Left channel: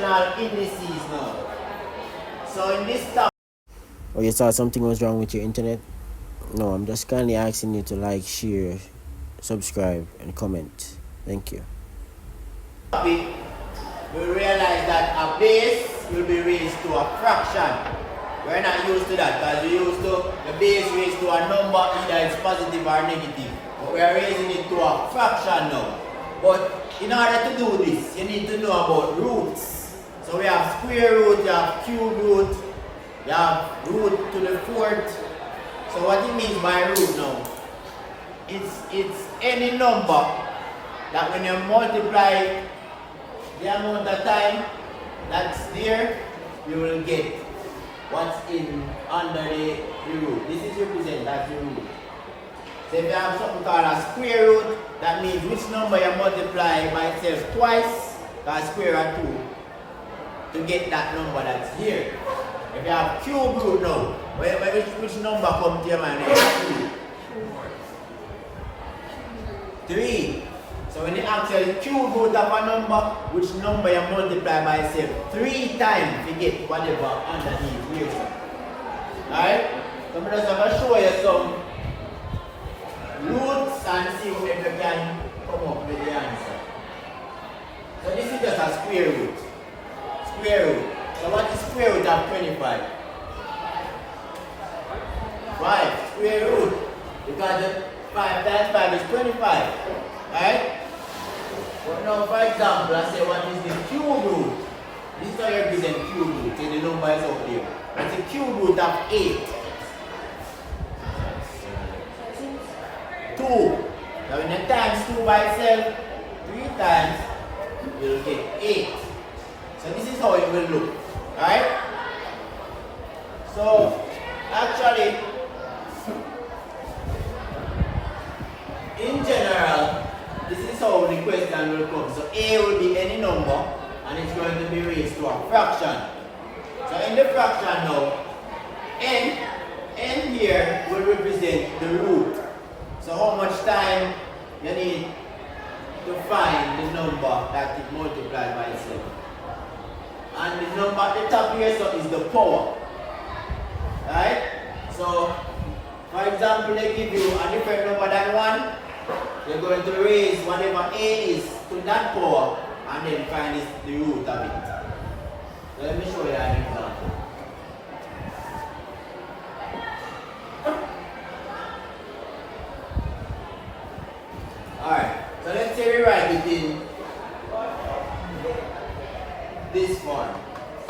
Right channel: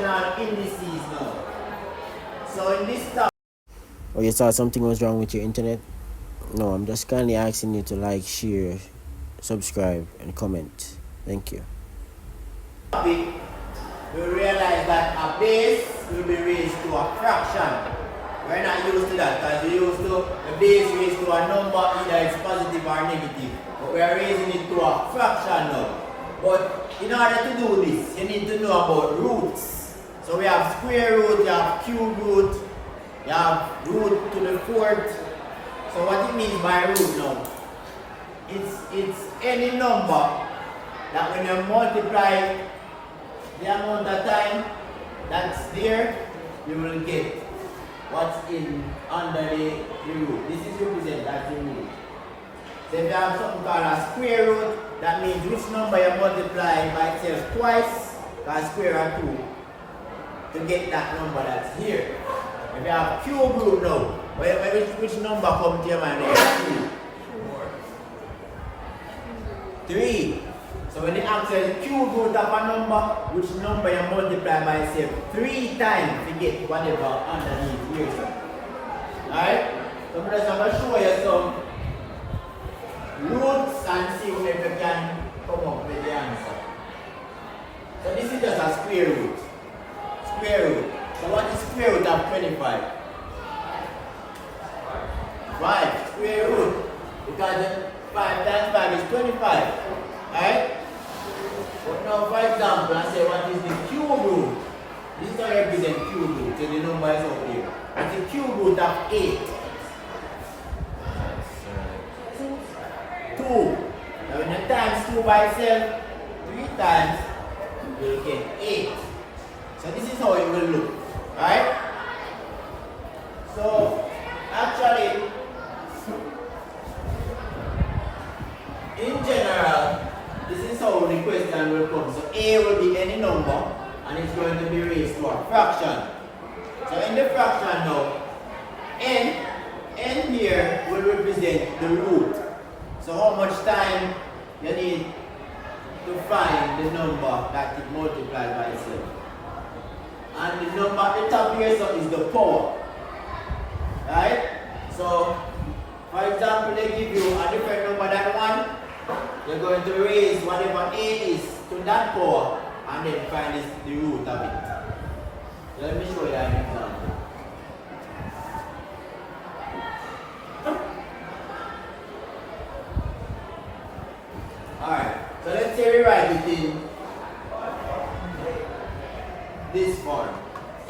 fractional indices now. So in this topic, Oh, you thought something was wrong with your internet? No, I'm just kindly asking you to like, share, subscribe, and comment. Thank you. we realize that a base will be raised to a fraction. We're not used to that because we used to the base raised to a number, either it's positive or negative. But we are raising it to a fraction now. But in order to do this, you need to know about roots. So we have square root, you have cube root, you have root to the fourth. So what it means by root now, it's any number that when you multiply the amount of time that's there, you will get what's in under the root. This is represented as the root. So if you have something called a square root, that means which number you multiply by itself twice, because square root 2, to get that number that's here. If you have cube root now, which number comes to your mind here? 3. So when you actually cube root of a number, which number you multiply by itself 3 times to get whatever underneath here. Alright? So I'm just going to show you some roots and see if you can come up with the answer. So this is just a square root. Square root. So what is square root of 25? 5. Square root. Because the 5 times 5 is 25. Alright? But now, for example, I say what is the cube root? This is how you represent cube root. So the number is up there. What's the cube root of 8? 2. Now when you times 2 by itself 3 times, you'll get 8. So this is how it will look. Alright? So actually, in general, this is how the question will come. So A will be any number and it's going to be raised to a fraction. So in the fraction now, n here will represent the root. So how much time you need to find the number that it multiplies by itself. And the number at the top here so is the power. Right? So for example, they give you a different number than 1. You're going to raise whatever A is to that power and then find the root of it. So let me show you an example. Alright, so let's say we write it in this form.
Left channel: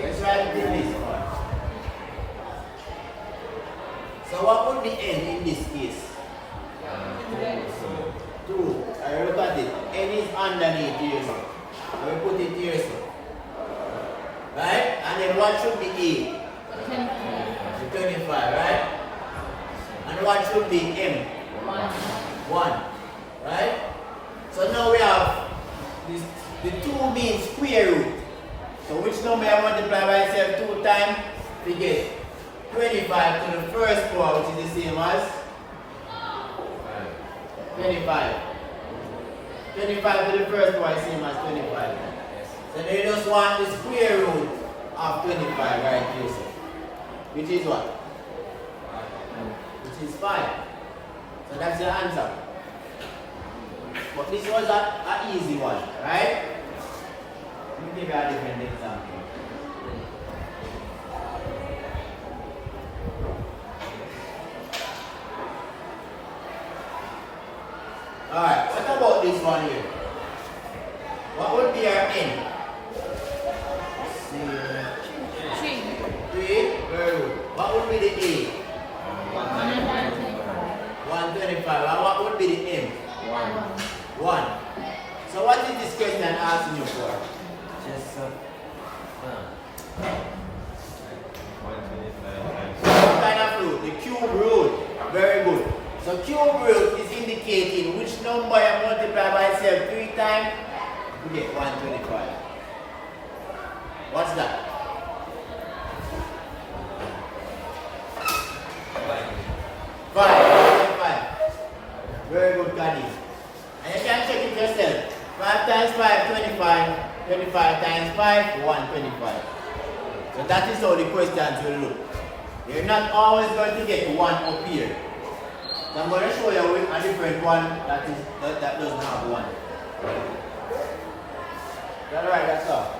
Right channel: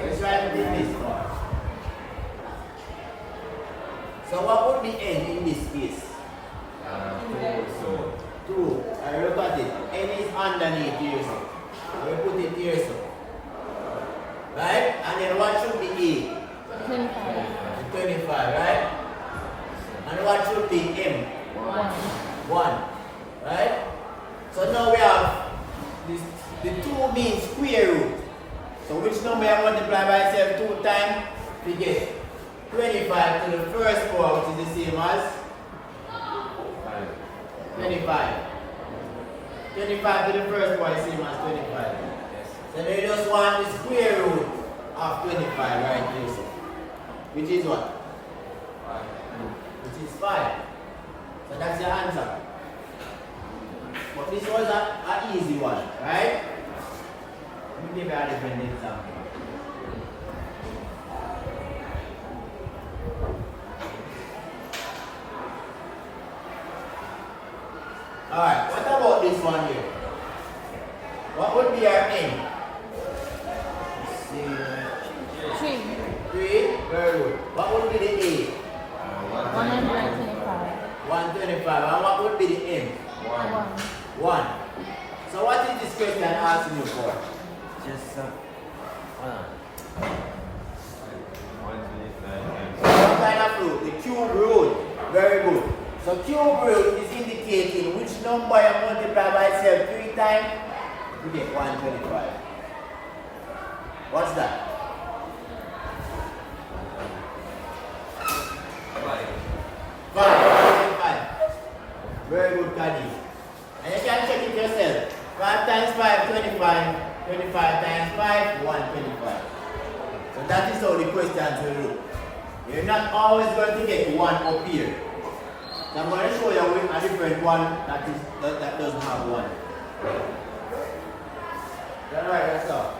Let's write it in this form. So what would be n in this case? 2. I look at it. N is underneath here, so we put it here, so. Right? And then what should be A? 25, right? And what should be M? 1. Right? So now we have this, the 2 means square root. So which number you multiply by itself 2 times? We get 25 to the first power, which is the same as 25. 25 to the first power is the same as 25. So they just want the square root of 25 right here. So. Which is what? Which is 5. So that's your answer. But this was an easy one, right? Let me give you a different example. Alright, what about this one here? What would be our n? 3. Very good. What would be the A? 125. 125. And what would be the M? 1. So what is this question asking you for? Just What kind of root? The cube root. Very good. So cube root is indicating which number you multiply by itself 3 times, you get 125. What's that? 5. Very good, Kadi. And you can check it yourself. 5 times 5, 25. 25 times 5, 125. So that is how the questions will look. You're not always going to get 1 up here. So I'm going to show you a different one that doesn't have 1. That's right, that's all.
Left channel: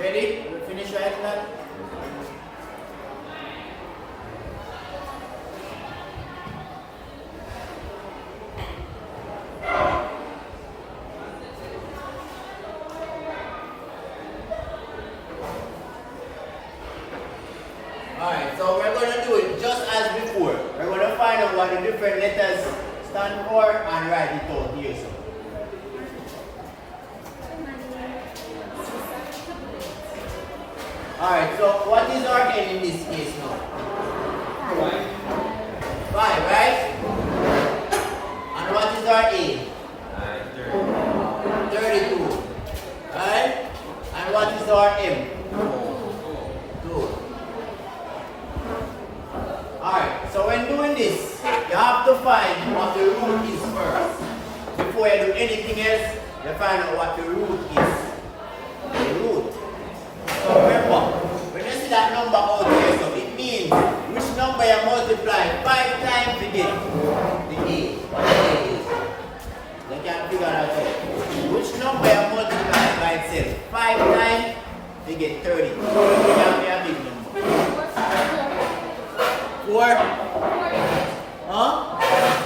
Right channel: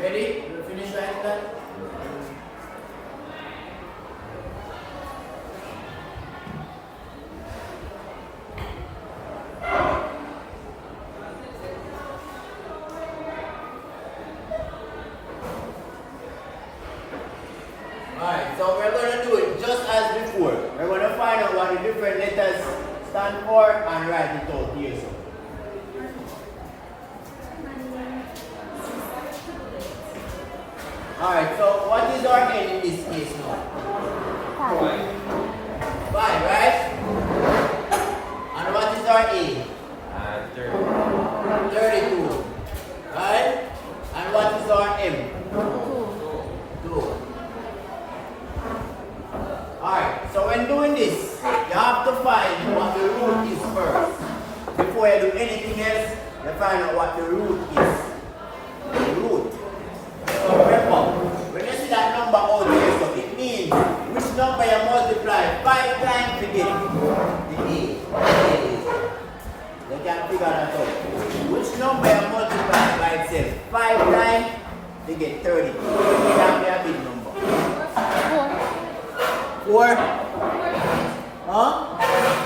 Ready? Finish writing that? Alright, so we're going to do it just as before. We're going to find out what the different letters stand for and write it out here. So. Alright, so what is our n in this case now? 5, right? And what is our a? 32. Right? And what is our m? 2. Alright, so when doing this, you have to find what the root is first. Before you do anything else, you find out what the root is. The root. So remember, when you see that number out here, so it means which number you multiply 5 times to get the a. What the a is. You can figure that out. Which number you multiply by itself 5 times to get 30. It can be a big number. 4? Huh?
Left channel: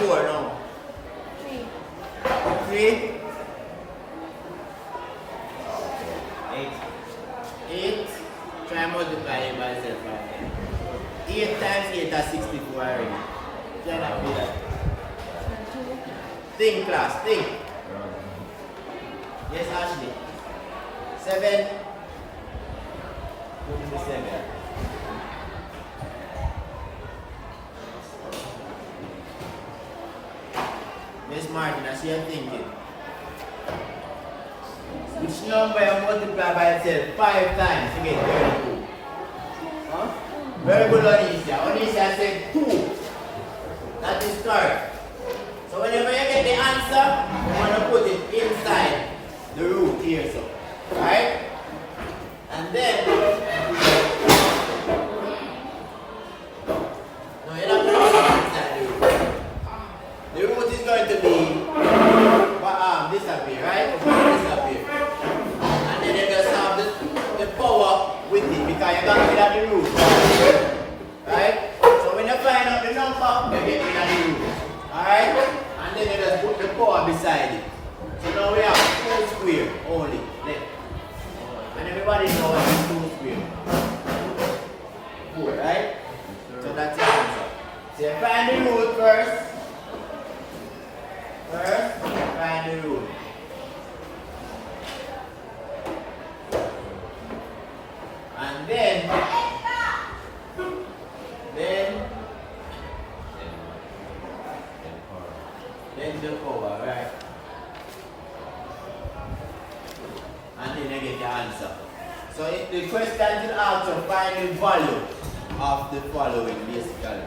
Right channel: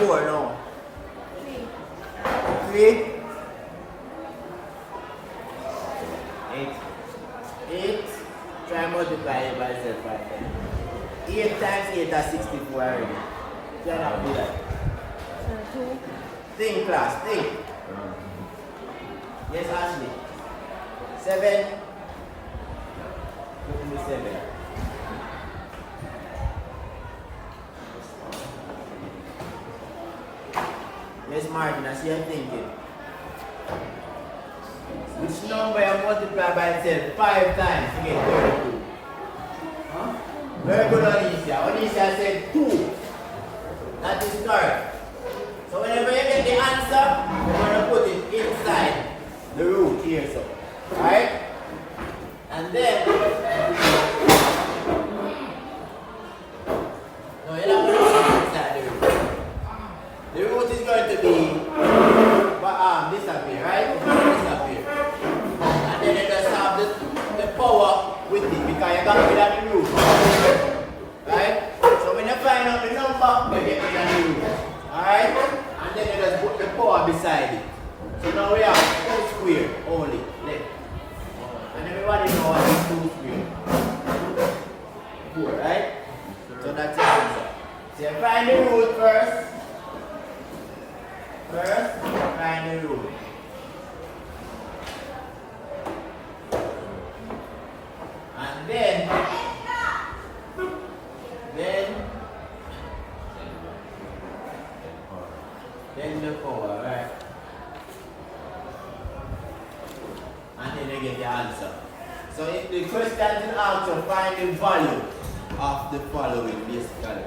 4, no. 3? 8. Try and multiply it by itself 5 times. 8 times 8 is 64 already. Cannot be that. 2. Think, class, think. Yes, Ashley. 7. Put in the 7. Miss Martin, I see you thinking. Which number you multiply by itself 5 times to get 32? Huh? Very good, Onisha. Onisha said 2. That is correct. So whenever you get the answer, you're going to put it inside the root here. So, right? And then, no, you're not going to put it inside the root. The root is going to be disappear, right? It's going to disappear. And then you just have the power with it because you got rid of the root. Right? So when you find out the number, you get rid of the root. Alright? And then you just put the power beside it. So now we have 2 square only left. And everybody knows what is 2 square. 4, right? So that's the answer. So you find the root first. First, find the root. And then the power, right? And then you get the answer. So if the question is also find the value of the following basically.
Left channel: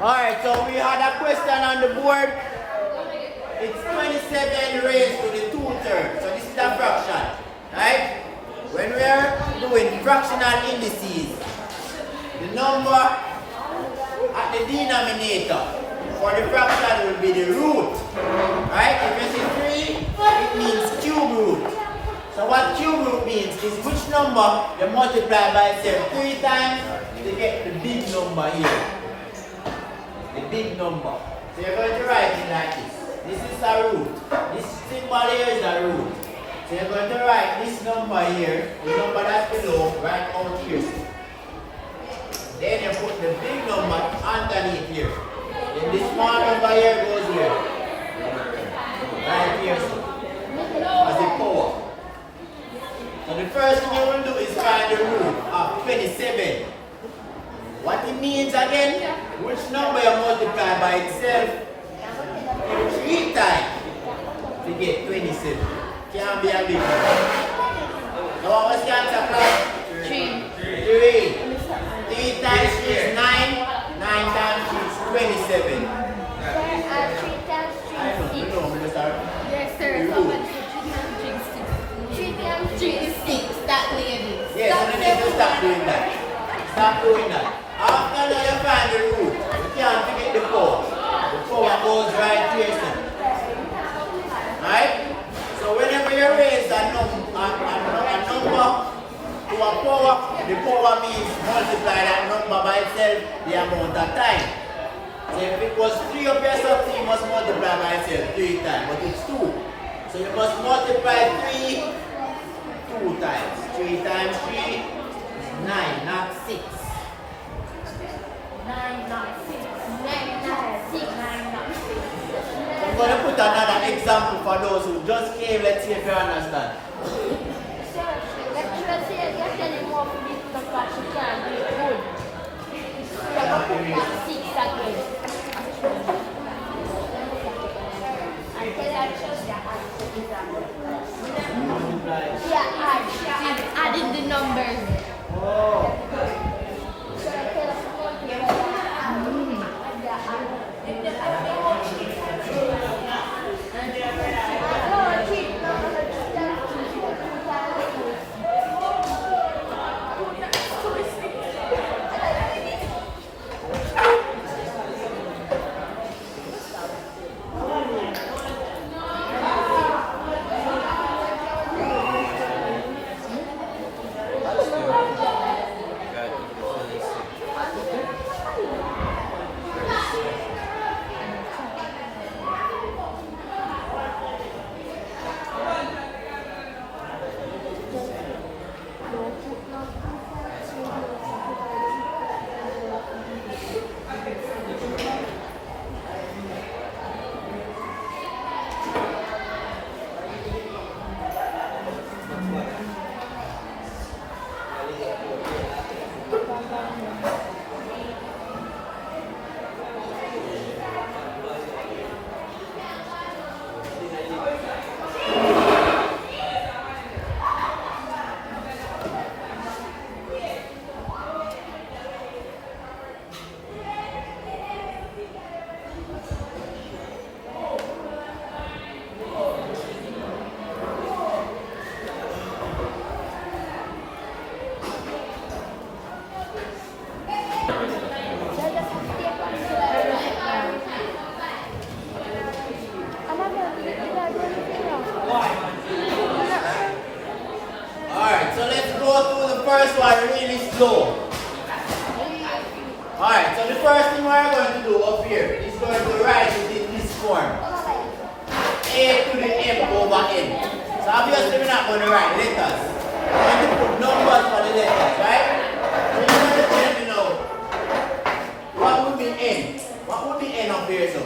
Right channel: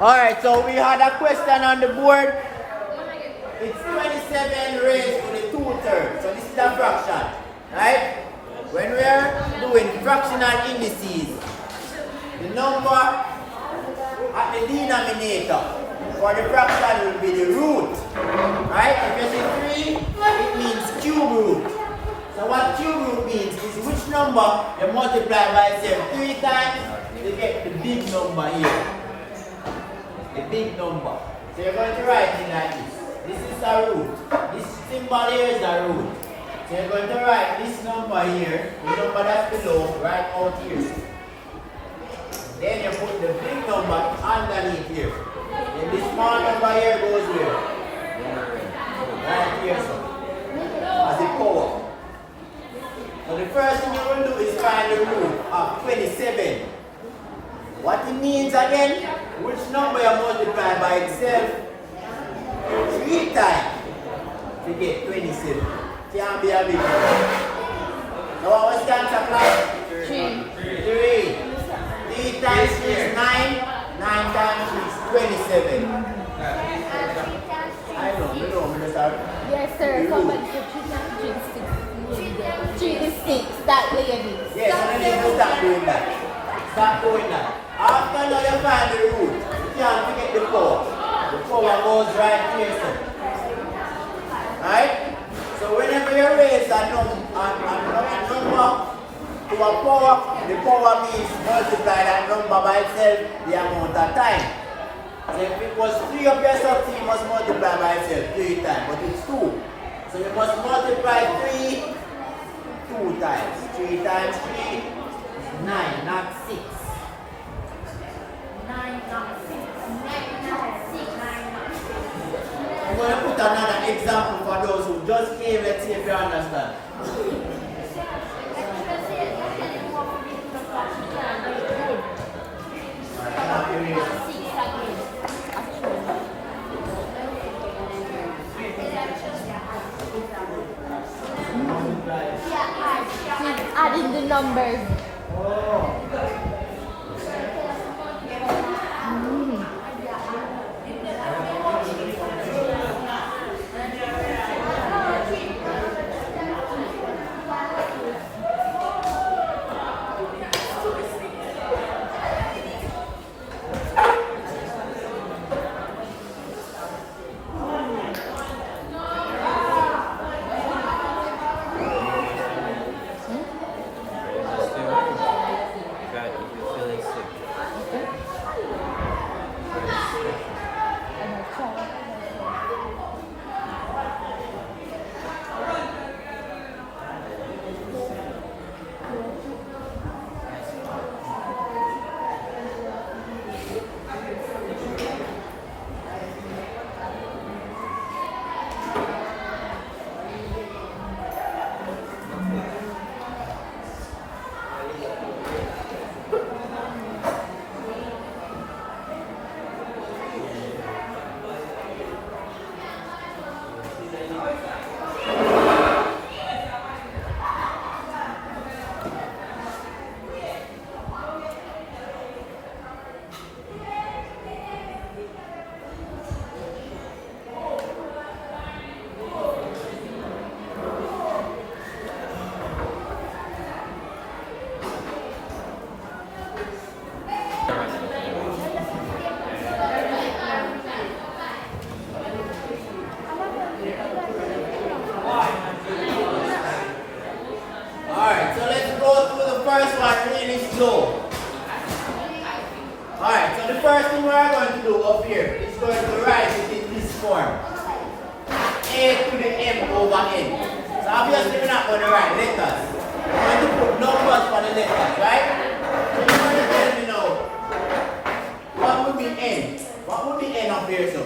Alright, so we had a question on the board. It's 27 raised to the 2/3. So this is a fraction, right? When we are doing fractional indices, the number at the denominator for the fraction will be the root, right? If you see 3, it means cube root. So what cube root means is which number you multiply by itself 3 times to get the big number here. The big number. So you're going to write it like this. This is a root. This symbol here is a root. So you're going to write this number here, the number that's below, right out here. Then you put the big number underneath here. Then this small number here goes here. Right here, so. As a power. So the first thing you will do is find the root of 27. What it means again, which number you multiply by itself 3 times to get 27. Can't be a big number. Now what was the answer, class? 3. 3. 3 times 3 is 9. 9 times 3 is 27. I know, you know, Minister. Yes, sir. Someone said 3 is 6. That lady. Yes, so then you start doing that. Start doing that. After you find the root, you can't forget the power. The power goes right here, so. Right? So whenever you raise a number to a power, the power means multiply that number by itself the amount of time. So if it was 3 up here, something you must multiply by itself 3 times, but it's 2. So you must multiply 3 2 times. 3 times 3 is 9, not 6. 9, not 6. 9, not 6. I'm going to put another example for those who just came. Let's see if you understand. She's adding the numbers. Oh. First one really slow. Alright, so the first thing we're going to do up here is going to write it in this form. A to the M over N. So obviously we're not going to write letters. We're going to put numbers for the letters, right? So you're going to tell me now, what would be N? What would be N up here, so?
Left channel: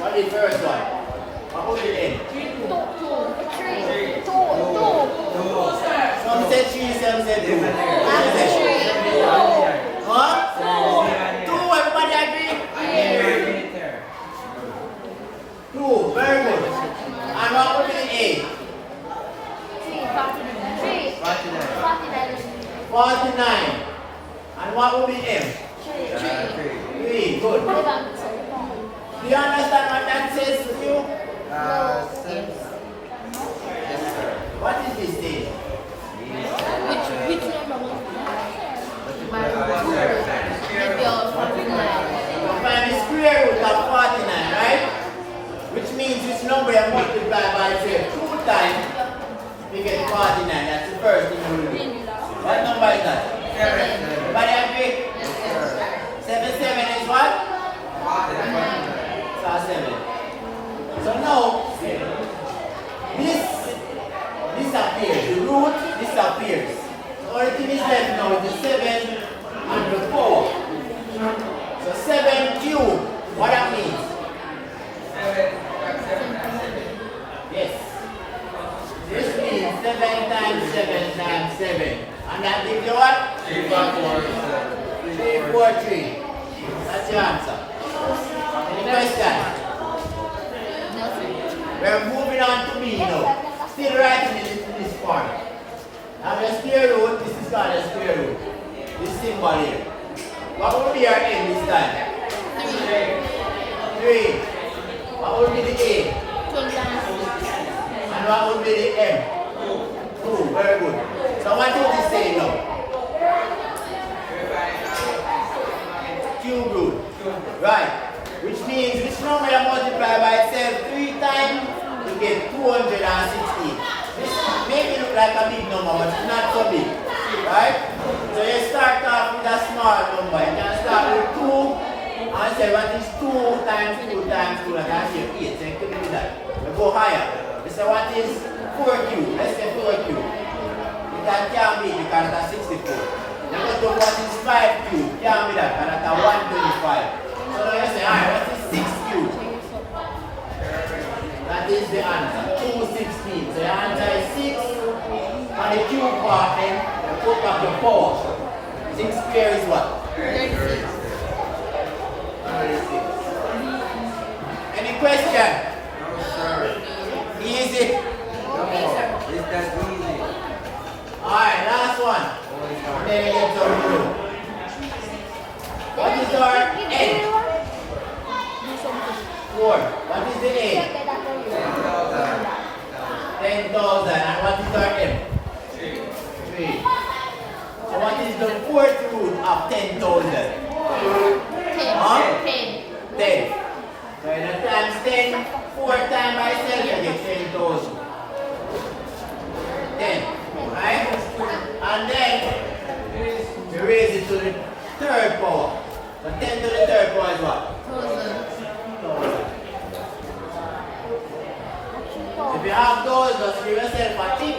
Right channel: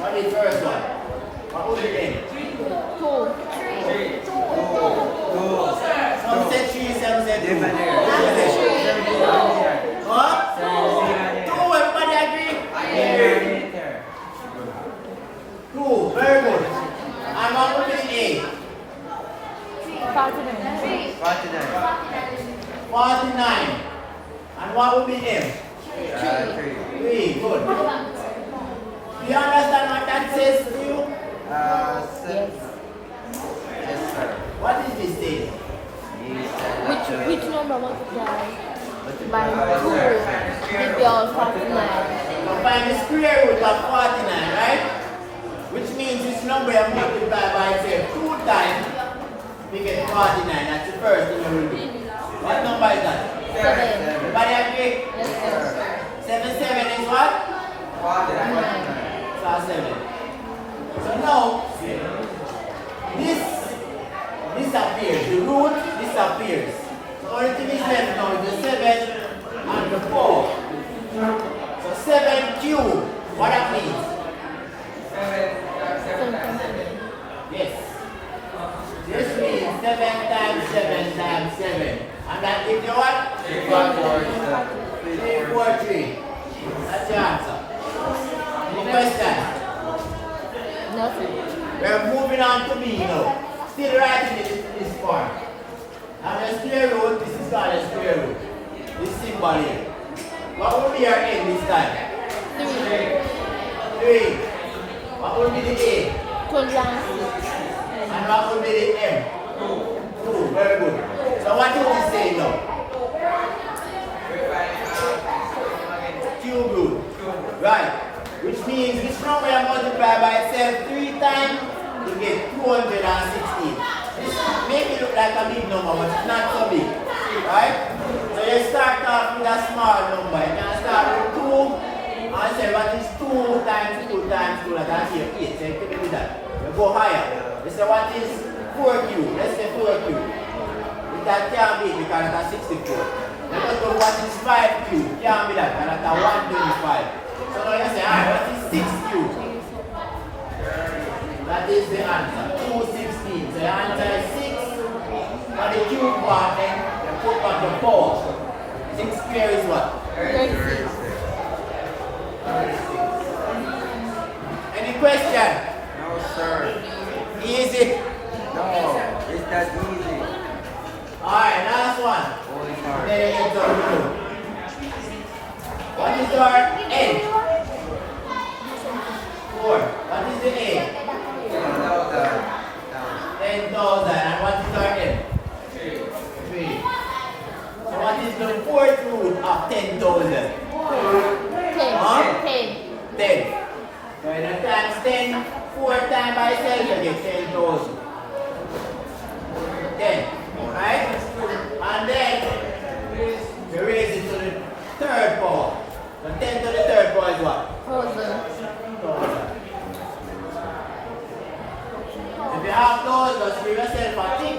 What is the first one? What would be N? 2. Some said 3, some said 2. What? 2, everybody agree? 2, very good. And what would be A? 49. And what would be M? 3, good. you understand what that says to you? Yes. What is this thing? Which number multiply by 2? Maybe all 49. So find the square root of 49, right? Which means which number you multiply by say 2 times, we get 49. That's the first thing you will do. What number is that? 7. Everybody agree? Yes, sir. 7, 7 is what? 9. So 7. So now, this disappears. The root disappears. So only thing is left now is the 7 and the 4. So 7 cubed. What that means? Yes. This means 7 times 7 times 7. And that gives you what? 343. That's your answer. Any question? Nothing. We're moving on to B now. Still writing it in this form. Now the square root, this is called the square root. This symbol here. What will be our M this time? 3. What will be the A? 12 And what will be the M? 2. Very good. So what is this saying now? Cube root. Right. Which means which number you multiply by itself 3 times, you get 216. This may look like a big number, but it's not so big. Right? So you start off with a small number. You can start with 2 and say what is 2 times 2 times 2, like I say 8. So you pick it with that. You go higher. You say what is 4 cubed? Let's say 4 cubed. That can't be because that's 64. Then go to what is 5 cubed? Can't be that because that's 125. So now you say, alright, what is 6 cubed? That is the answer, 216. So your answer is 6. For the cube part, then you put back your power. 6 square is what? 36. 36. Any question? No, sir. Easy. Okay, sir. It's that easy. Alright, last one. And then you get some blue. What is our N? 4. What is the A? 10,000. And what is our M? 3. So what is the fourth root of 10,000? 10. Huh? 10. 10. So when you times 10, 4 times by itself, you get 10,000. 10.